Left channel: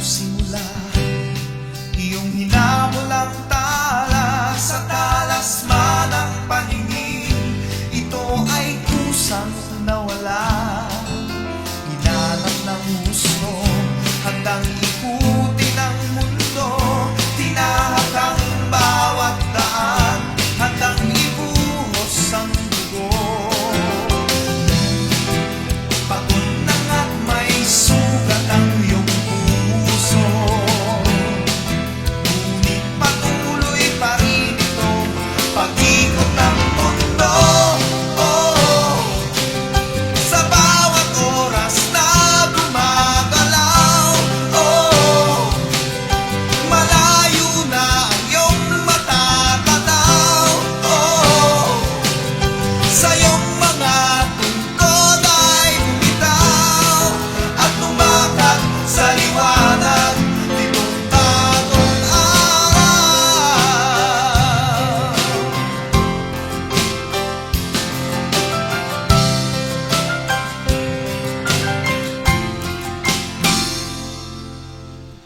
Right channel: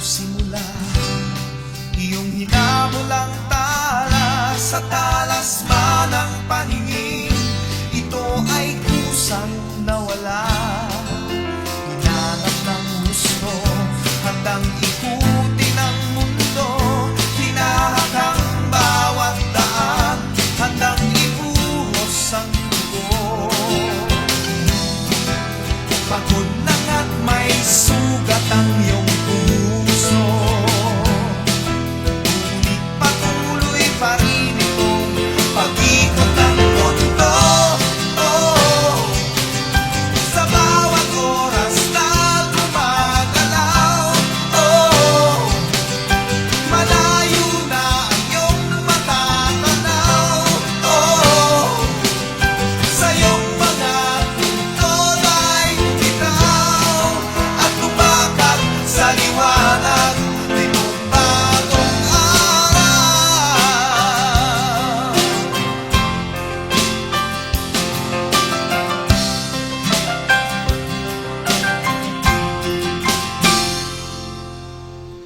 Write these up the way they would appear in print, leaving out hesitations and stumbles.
simula, iyong hinabol ang tala sa talasman ng paningin. Ito ay kusang nawala, hinanap ng gusto, handang ikutin ang mundo. Tinahak ang bawat daan, handang ibuhos ang dugo. Pagod na at may sugat ang iyong puso, ngunit patuloy pa rin itong pag-ikot ng mundo. Oh, sa bawat oras na gumagalaw, oh, malayo na ang iyong matatanaw. Oh, sa iyong mga tungkol ay bumitaw at tumakat sa liwanag nitong bagong araw.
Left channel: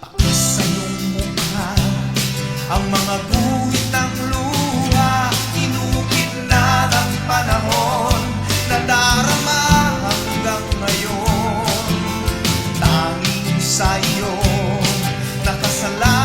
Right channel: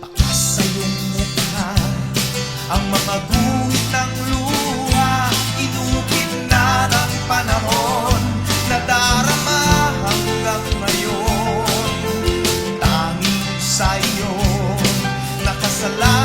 Pakas sa iyong mukha ang mga guhit ng luha, inukit na ng panahon, nadarama hanggang ngayon. Tanging sa iyo nakasala